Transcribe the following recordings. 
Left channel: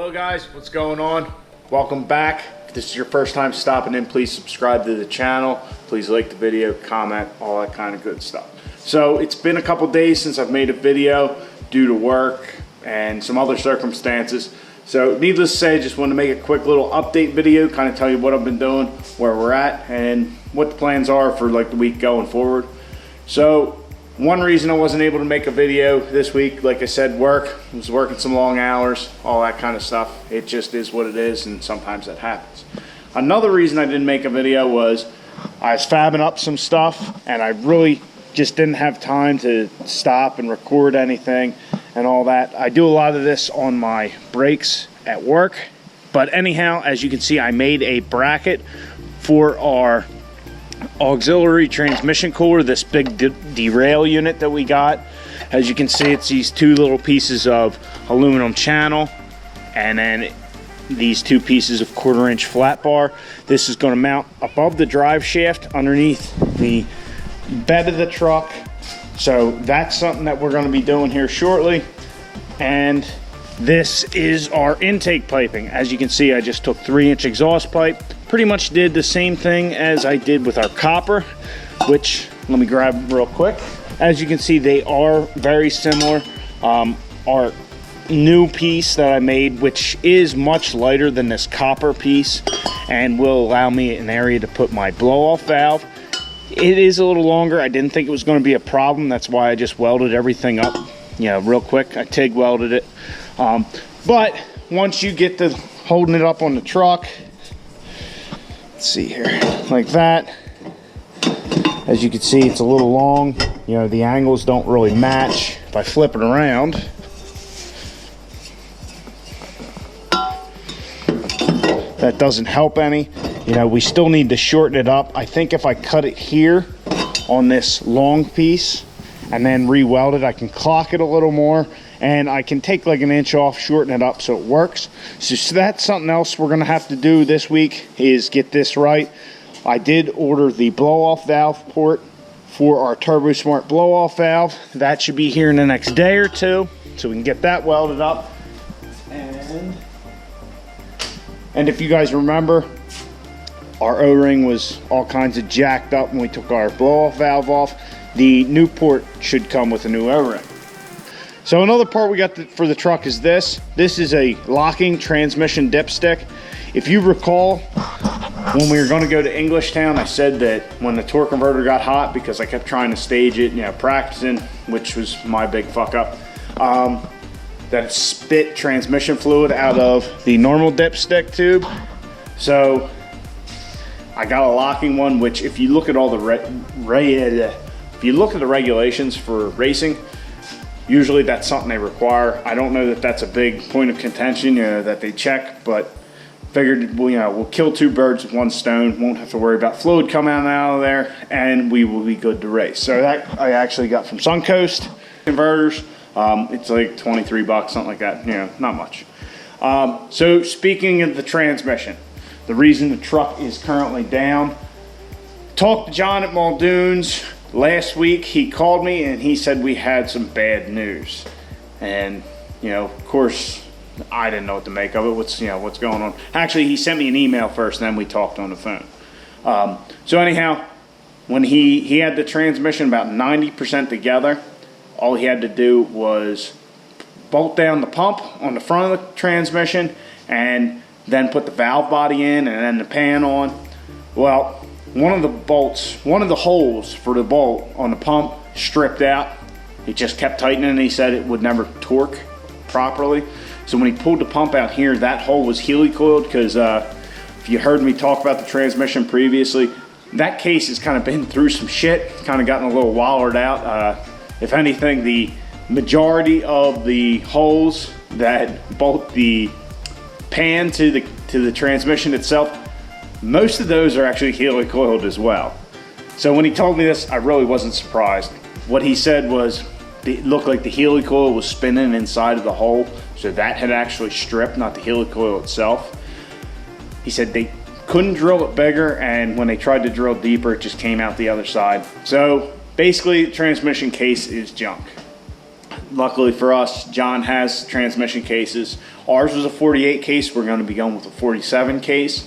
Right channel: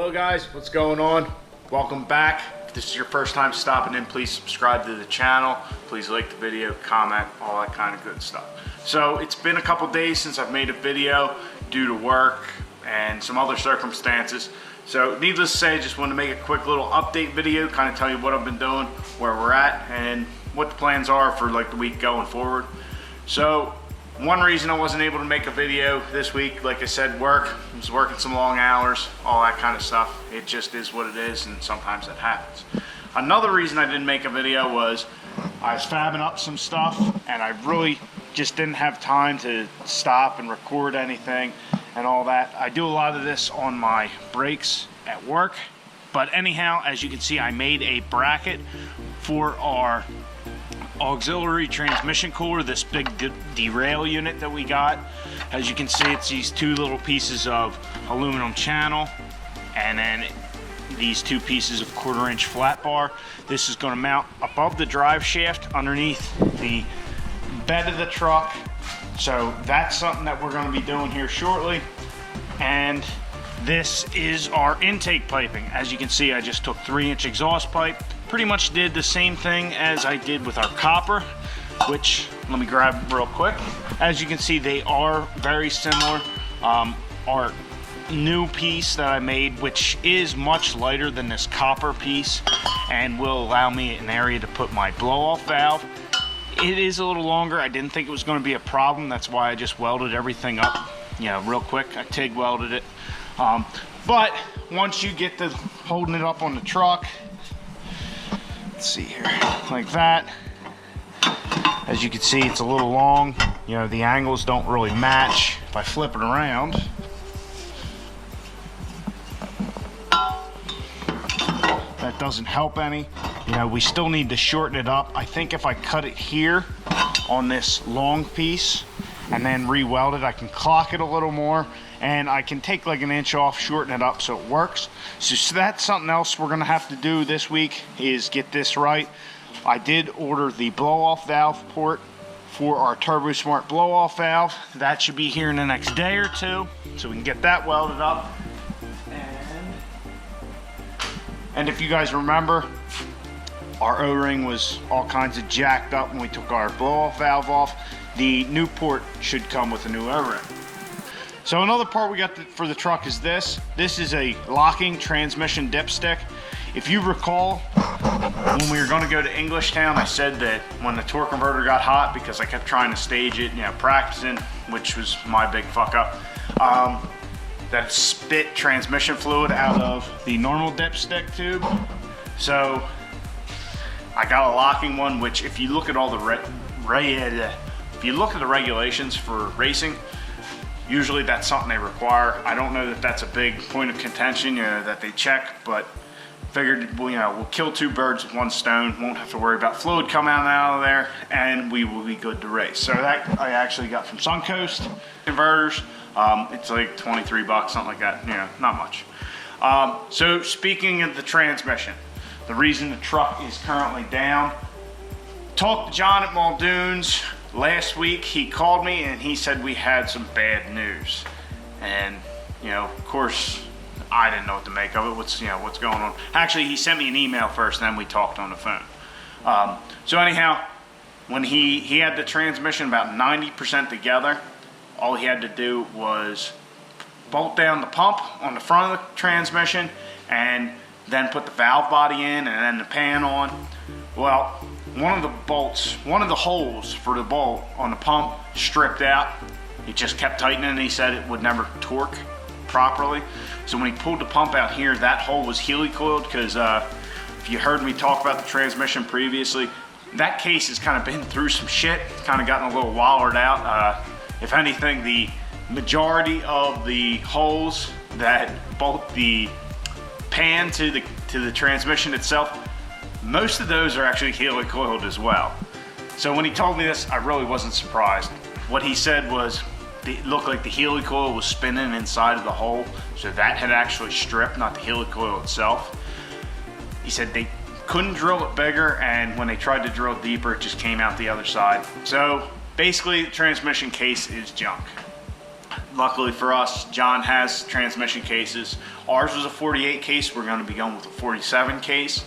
Hello guys, what's going on? Welcome back. If this is your first time stopping in, please subscribe to the channel. Please like the video, comment, all that kind of good stuff. So it's been a couple days since I've made a video due to work and some other circumstances. So needless to say, just wanted to make a quick little update video, kind of tell you what I've been doing, where we're at, and what the plans are for like the week going forward. So one reason I wasn't able to make a video this week, like I said, work. I was working some long hours, all that kind of stuff. It just is what it is, and sometimes that happens. Another reason I didn't make a video was I was fabbing up some stuff, and I really just didn't have time to stop and record anything and all that. I do a lot of this on my breaks at work. But anyhow, as you can see, I made a bracket for our auxiliary transmission cooler, this big derail unit that we got. As you can see, it's these two little pieces of aluminum channel and then these two pieces of 1/4-inch flat bar. This is going to mount above the drive shaft underneath the bed of the truck. So that's something that we're going to be doing here shortly. And this is our intake piping. As you can see, I just took 3-inch exhaust pipe. Pretty much did the same thing as I did with our copper, which let me grab real quick. As you can see, they are very similar. Our new piece that I made, which is much lighter than this copper piece and will allow me an area to put my blow-off valve. It is a little longer. I didn't think it was going to be a problem. That's why I just welded everything up, real quick. I TIG welded it. But once you get to holding it up on the truck, let's see here, like that. As you can see, it's a little long. The angles don't really match. If I flip it around, that doesn't help any. We still need to shorten it up. I think if I cut it here on this long piece and then re-weld it, I can clock it a little more, and I can take like an inch off, shorten it up so it works. So that's something else we're gonna have to do this week, is get this right. I did order the blow-off valve port for our Turbo Smart blow-off valve. That should be here in the next day or two, so we can get that welded up. And if you guys remember, our O-ring was all kinds of jacked up when we took our blow-off valve off. The new port should come with a new O-ring. So another part we got for the truck is this. This is a locking transmission dipstick. If you recall, when we were going to go to Englishtown, I said that when the torque converter got hot, because I kept trying to stage it, practicing, which was my big fuck up, that it spit transmission fluid out of the normal dipstick tube. So I got a locking one, which if you look at all the if you look at the regulations for racing, usually that's something they require. I don't know that that's a big point of contention, that they check, but figured, we'll kill two birds with one stone. Won't have to worry about fluid coming out of there, and we will be good to race. So that I actually got from Suncoast Converters. It's like 23 bucks, something like that. Not much. So speaking of the transmission, the reason the truck is currently down, talked to John at Muldoon's last week. He called me and he said we had some bad news, and of course I didn't know what to make of it. What's going on? Actually, he sent me an email first, then we talked on the phone. So anyhow, when he had the transmission about 90% together, all he had to do was bolt down the pump on the front of the transmission and then put the valve body in and then the pan on. Well, one of the holes for the bolt on the pump stripped out. He just kept tightening, and he said it would never torque properly. So when he pulled the pump out here, that hole was helicoiled, because if you heard me talk about the transmission previously, that case has kind of been through some shit, kind of gotten a little wallered out. If anything, the majority of the holes that bolt the pan to the transmission itself, most of those are actually helicoiled as well. So when he told me this, I really wasn't surprised. What he said was it looked like the helicoil was spinning inside of the hole, so that had actually stripped, not the helicoil itself. He said they couldn't drill it bigger, and when they tried to drill deeper, it just came out the other side. So basically, the transmission case is junk. Luckily for us, John has transmission cases. Ours was a 48 case. We're going to be going with a 47 case.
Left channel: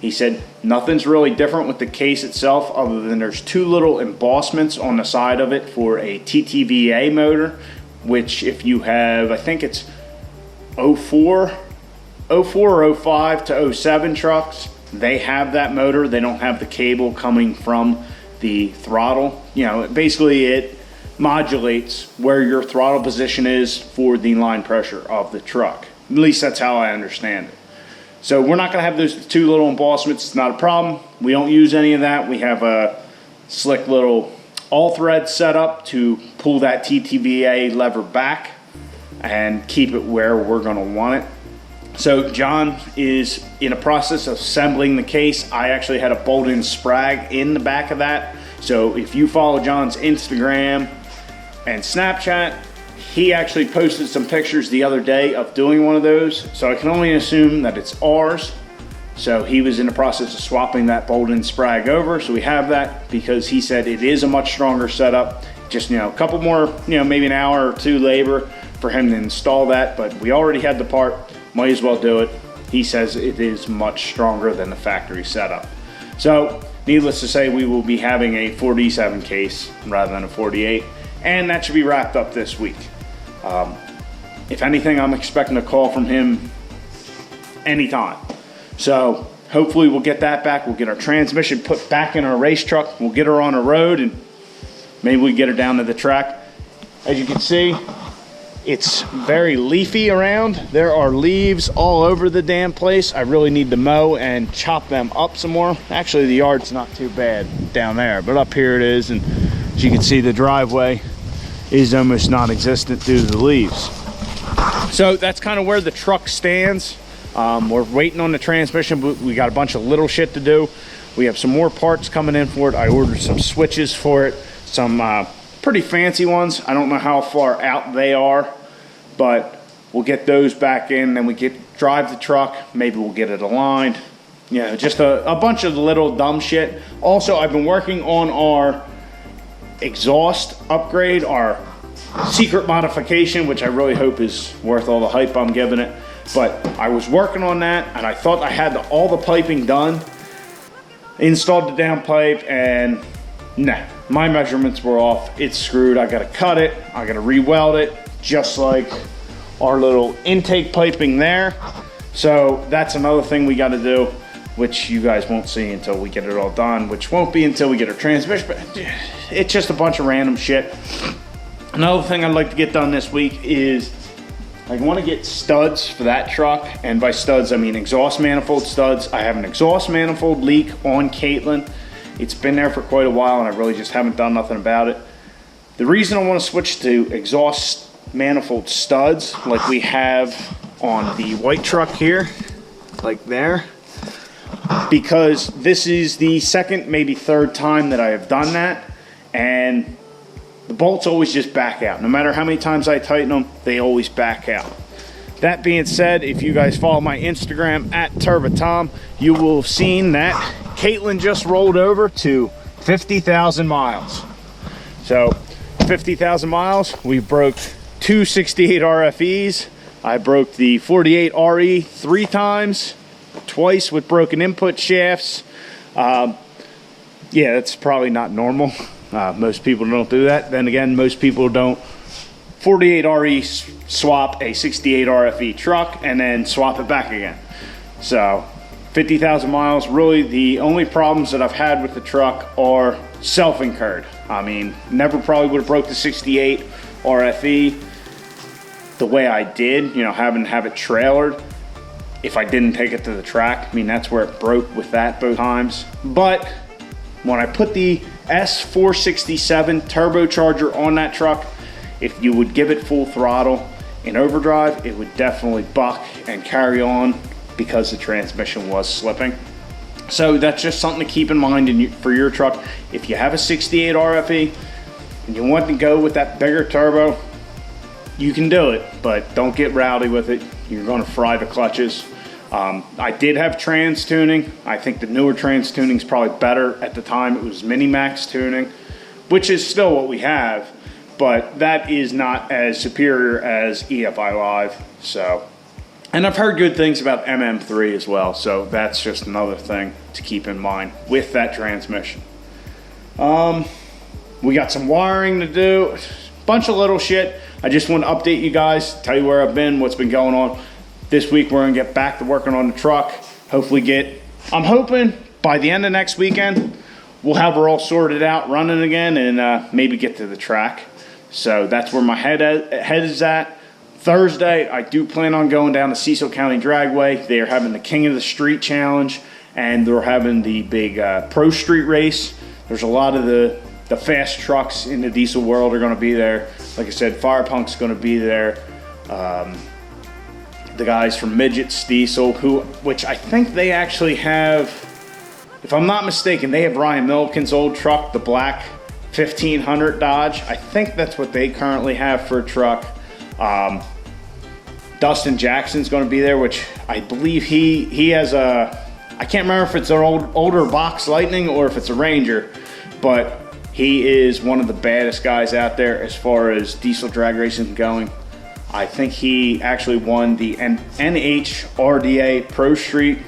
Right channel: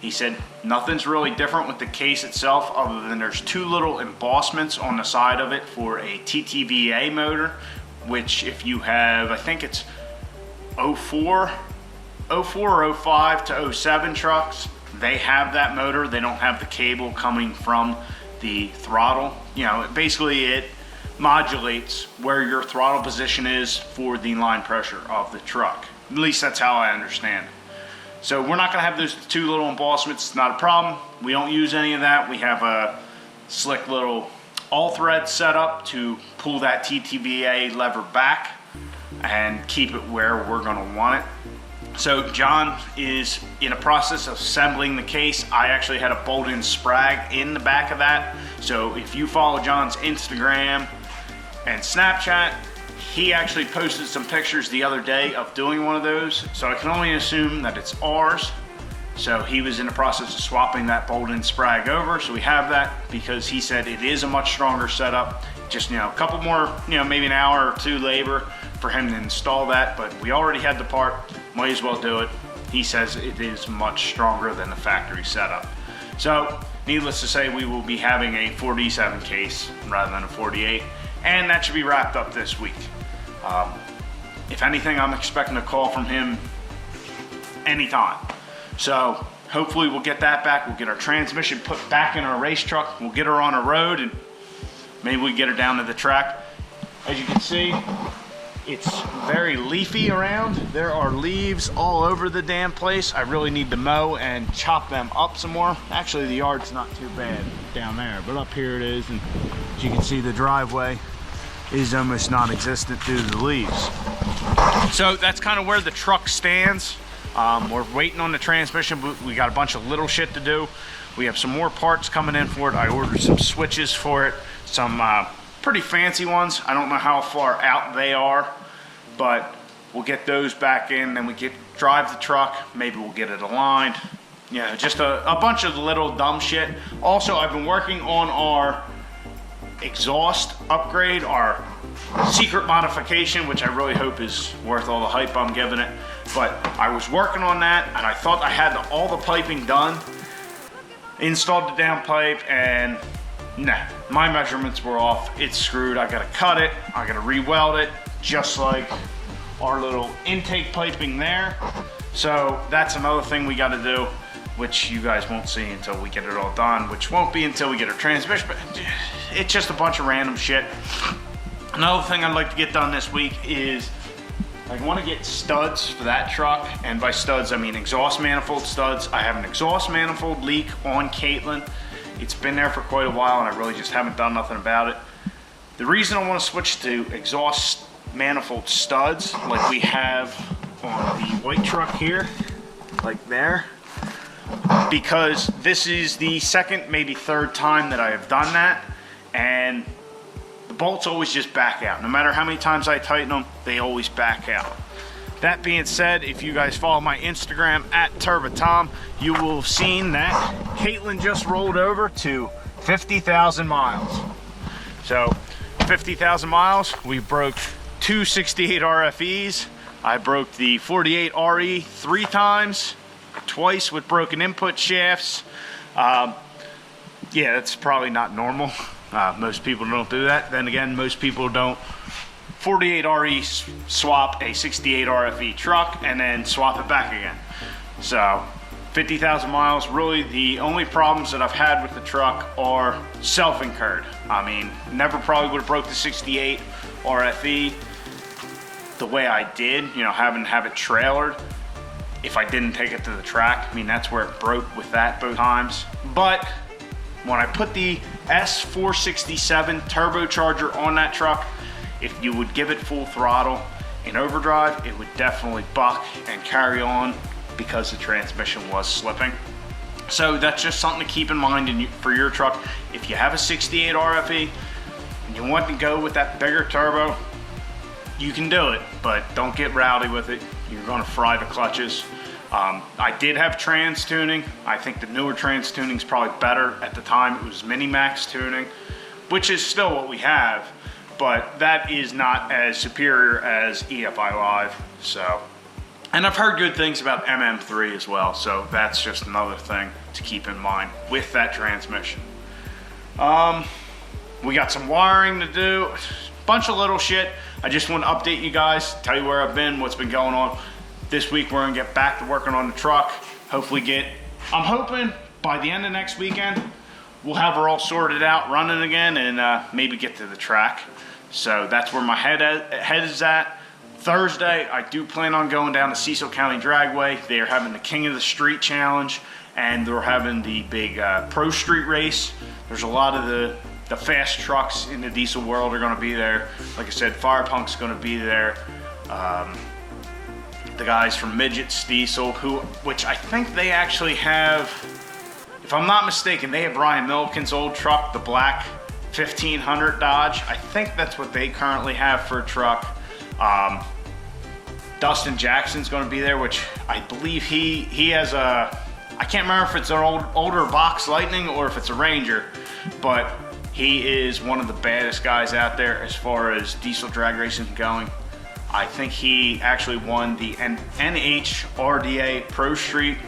He said nothing's really different with the case itself other than there's two little embossments on the side of it for a TTVA motor, which if you have, I think it's 04 or 05 to 07 trucks, they have that motor. They don't have the cable coming from the throttle. You know, basically it modulates where your throttle position is for the line pressure of the truck. At least that's how I understand it. So we're not going to have those two little embossments. It's not a problem. We don't use any of that. We have a slick little all thread set up to pull that TTVA lever back and keep it where we're going to want it. So John is in a process of assembling the case. I actually had a bolt-in sprag in the back of that. So if you follow John's Instagram and Snapchat, he actually posted some pictures the other day of doing one of those. So I can only assume that it's ours. So he was in the process of swapping that bolt-in sprag over. So we have that because he said it is a much stronger setup. Just, you know, a couple more, you know, maybe an hour or two labor for him to install that. But we already had the part, might as well do it. He says it is much stronger than the factory setup. So needless to say, we will be having a 47 case rather than a 48. And that should be wrapped up this week. If anything, I'm expecting a call from him anytime. So hopefully we'll get that back. We'll get our transmission put back in our race truck. We'll get her on a road and maybe we get her down to the track. As you can see, it's very leafy around. There are leaves all over the damn place. I really need to mow and chop them up some more. Actually, the yard's not too bad down there, but up here it is. And as you can see, the driveway is almost non-existent due to the leaves. So that's kind of where the truck stands. We're waiting on the transmission, but we got a bunch of little shit to do. We have some more parts coming in for it. I ordered some switches for it, some pretty fancy ones. I don't know how far out they are, but we'll get those back in. Then we drive the truck. Maybe we'll get it aligned. You know, just a bunch of little dumb shit. Also, I've been working on our exhaust upgrade, our secret modification, which I really hope is worth all the hype I'm giving it. But I was working on that and I thought I had all the piping done, installed the downpipe, and nah, my measurements were off. It's screwed. I gotta cut it, I gotta re-weld it, just like our little intake piping there. So that's another thing we gotta do, which you guys won't see until we get it all done, which won't be until we get our transmission, but it's just a bunch of random shit. Another thing I'd like to get done this week is I want to get studs for that truck, and by studs I mean exhaust manifold studs. I have an exhaust manifold leak on Caitlin. It's been there for quite a while and I really just haven't done nothing about it. The reason I want to switch to exhaust manifold studs like we have on the white truck here, like there, because this is the second, maybe third time that I have done that, and the bolts always just back out. No matter how many times I tighten them, they always back out. That being said, if you guys follow my Instagram at TurboTom, you will have seen that Caitlin just rolled over to 50,000 miles. So 50,000 miles, we broke two 68 RFEs. I broke the 48 RE 3 times, twice with broken input shafts. Yeah, that's probably not normal. Most people don't do that. Then again, most people don't 48 RE swap a 68 RFE truck and then swap it back again. So 50,000 miles, really the only problems that I've had with the truck are self-incurred. I mean, never probably would have broke the 68 RFE the way I did, you know, having to have it trailered if I didn't take it to the track. I mean, that's where it broke with that both times. But when I put the S467 turbocharger on that truck, if you would give it full throttle in overdrive, it would definitely buck and carry on because the transmission was slipping. So that's just something to keep in mind for your truck. If you have a 68 RFE and you want to go with that bigger turbo, you can do it, but don't get rowdy with it. You're going to fry the clutches. I did have trans tuning. I think the newer trans tuning is probably better. At the time it was mini max tuning, which is still what we have, but that is not as superior as EFI Live. So, and I've heard good things about MM3 as well, so that's just another thing to keep in mind with that transmission. We got some wiring to do, bunch of little shit. I just want to update you guys, tell you where I've been, what's been going on. This week we're gonna get back to working on the truck. Hopefully I'm hoping by the end of next weekend, we'll have her all sorted out, running again, and maybe get to the track. So that's where my head is at. Thursday, I do plan on going down to Cecil County Dragway. They are having the King of the Street Challenge, and they're having the big Pro Street Race. There's a lot of the fast trucks in the diesel world are going to be there. Like I said, Firepunk's going to be there. The guys from Midgets Diesel, which I think they actually have, if I'm not mistaken, they have Ryan Milliken's old truck, the black 1500 Dodge. I think that's what they currently have for a truck. Dustin Jackson's going to be there, which I believe he has a, I can't remember if it's an older box Lightning or if it's a Ranger, but he is one of the baddest guys out there as far as diesel drag racing going. I think he actually won the NHRDA Pro Street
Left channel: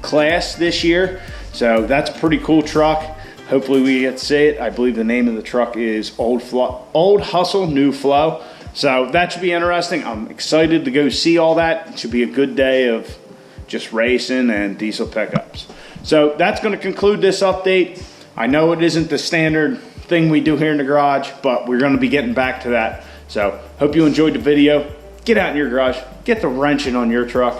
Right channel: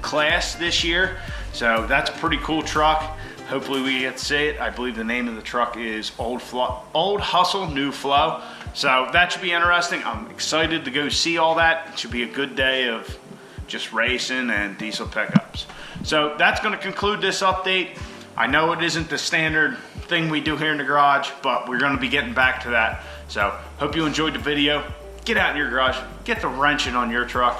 class this year. So that's a pretty cool truck. Hopefully we get to see it. I believe the name of the truck is Old Hustle, New Flow. So that should be interesting. I'm excited to go see all that. It should be a good day of just racing and diesel pickups. So that's going to conclude this update. I know it isn't the standard thing we do here in the garage, but we're going to be getting back to that. So hope you enjoyed the video. Get out in your garage, get the wrenching on your truck,